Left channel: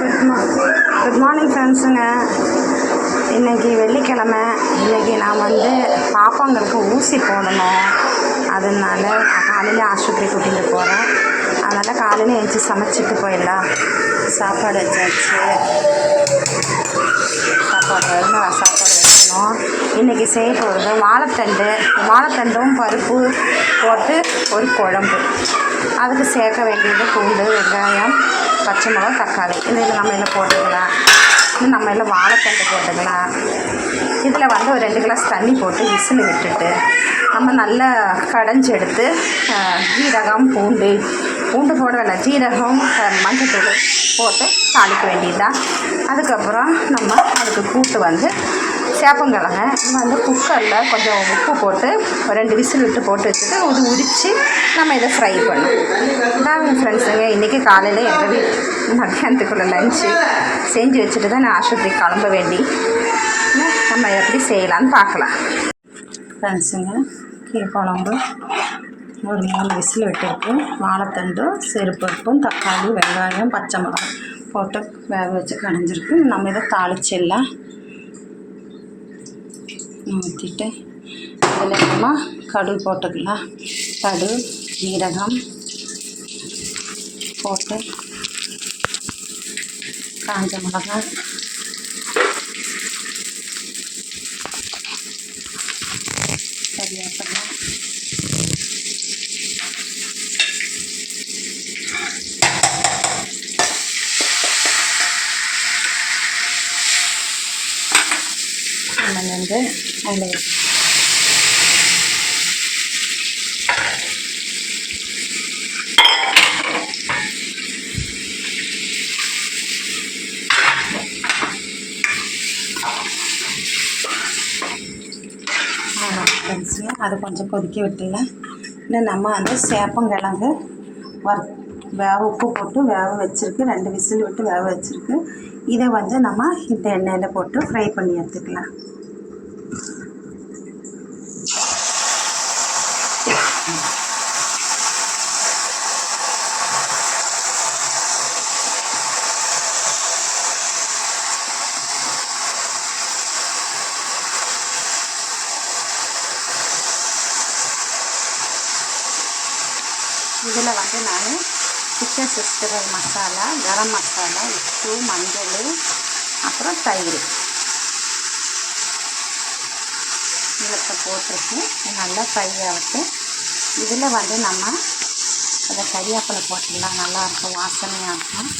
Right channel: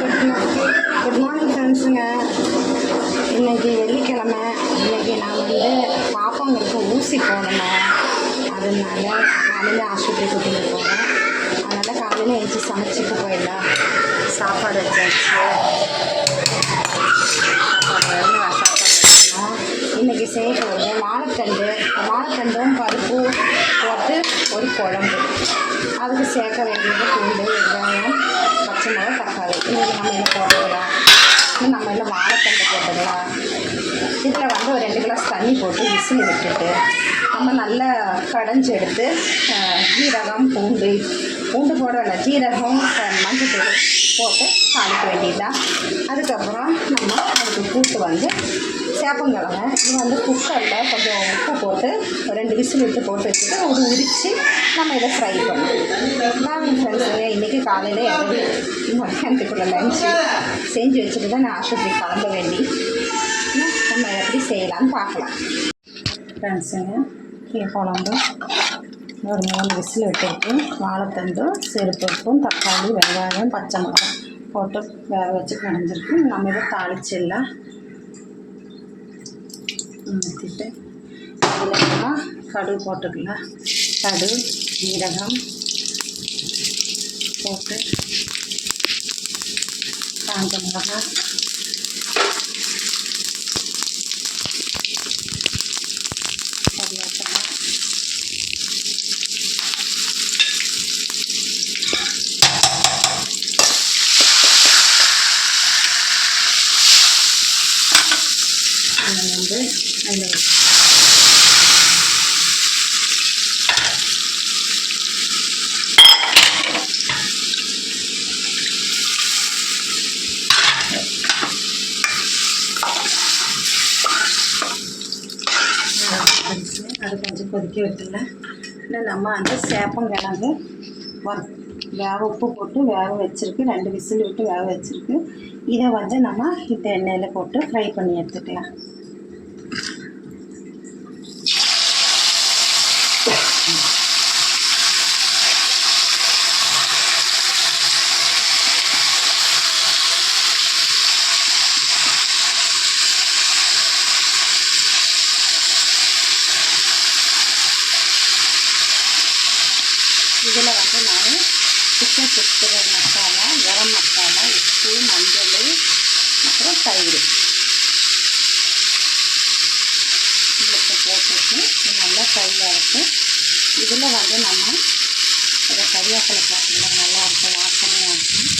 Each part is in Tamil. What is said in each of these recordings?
குட் மார்னிங் ஃப்ரெண்ட்ஸுங்க. இன்றைக்கி வெள்ளிக்கிழமை. இன்றைக்கி நான் பாப்பாங்களுக்கு ஊசி போடணும். அதனால் காலையில் ஆஸ்பத்திரி கூட்டிகிட்டு போகிறேன். அதனால் காலையில் எழுந்துச்சி சமைச்சிட்டு போயிடலாம். சாப்பாடு வச்சாச்சு. சாப்பாடு வைக்கணும். இன்றைக்கி செய்ய போகிறது வாழைத்தண்டும் பருப்பு போட்டு ஒரு குழம்பு. அதுக்கு சேர்க்க வேண்டியது பூண்டு, வெங்காயம், பச்சை மிளகா, தக்காளி. இதில் நம்ம எல்லாம் போட்டுக்கலாம். இன்னும் நம்ம எல்லாம் வாழைத்தண்டு போட்டுக்கலாம். இதில் ஒரு 2 கிளாஸ் தண்ணி போட்டு விசில் விட்டுட்டு நம்ம நல்லா கடைஞ்சி எடுத்து ஜீரகம், பூண்டு போட வேண்டாம், ஜீரகம், மஞ்சத்தூள் போட்டு தாளிக்க வேண்டியதுதான். அதுக்கப்புறம் நம்ம அதுக்கு கூட்டு சேப்பங்கிழங்கு இது குக்கரில் கொஞ்சம் உப்பு போட்டு 2 விசில் விட்டு போட்டு வச்சுட்டு அது உரித்து நம்ம இதை ஃப்ரை பண்ணோம். நான் ஃப்ரெண்ட்ஸுங்க இன்றைக்கி காலையில் எங்கள் மத்தியானத்துக்குள்ளே லஞ்சு செஞ்சு வச்சுட்டு தான் நான் ஆஸ்பத்திரிக்கு கிளம்ப வேண்டி நம்ம எப்படி செய்யலான்னு பார்க்கலாம். ஃப்ரெண்ட்ஸுங்க குழம்பு ஒரு 3 விசில் விட்டுருக்கு. வாழைத்தண்டும், சிறுபருப்பும், தக்காளி, வெங்காயம், பச்சை மிளகாய் போட்டு வேக வச்சு கடைஞ்சிருக்கு. நம்ம இதை தாளிச்சிடலாம். ஊற்றிட்டு இதில் நம்ம கடுகு போட்டுக்கலாம். கடுகு, ஜீரகம் போட்டு காஞ்ச மிளகாய், கறிவேப்பிலை, அதில் அது கொஞ்சம் கொதிக்க விட்டுல. இன்னும் நம்ம சேப்பங்கிழங்கு உப்பு போட்டு வேக வச்சுருக்கு. 2 விசில் விட்டு வேக வச்சுருக்கு. இதை நம்ம இந்த எண்ணெயில் போட்டு ஃப்ரை பண்ணி எடுத்துக்கலாம். இதில் நான் சிக்கன் 65 மசாலா, கரம் மசாலா, உப்பு, மஞ்சள், அப்புறம் தயிர் இதில் போட்டிருக்கு. நல்லா ஃப்ரை ஆகிட்டு இதில் நம்ம இதை கறிவேப்பிலை போட்டுடலாம். நல்லாயிருக்கும், வாசனையாக இருக்கும்.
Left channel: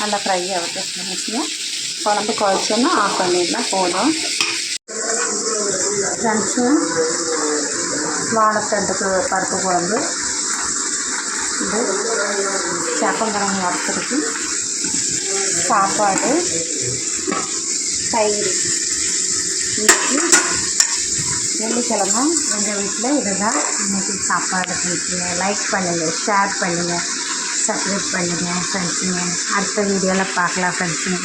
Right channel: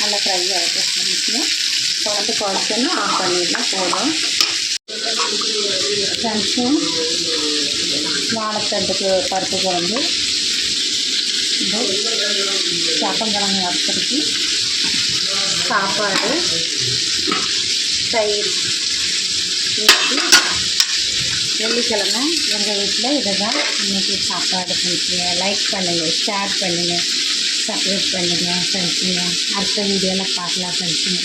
நல்லா ஃப்ரை ஆகிட்டு குழம்பு குழச்சோன்னா ஆஃப் பண்ணிடலாம், போதும். ஃப்ரெண்ட்ஸு வாழைத்தண்டுக்கு பருப்பு குழம்பு, இது சேப்பங்கிழங்கு வறுத்துருக்கு, சாப்பாடு, தயிர். இன்றைக்கி வெள்ளிக்கிழமை எங்கள் வீட்டில் இதுதான் இன்றைக்கி சாப்பாடு. ஃப்ரெண்ட்ஸுங்க லைக் பண்ணுங்கள், ஷேர் பண்ணுங்கள், சப்ஸ்கிரைப் பண்ணுங்கள் ஃப்ரெண்ட்ஸுங்க. அடுத்த வீடியோவில் பார்க்கலாம் ஃப்ரெண்ட்ஸுங்க.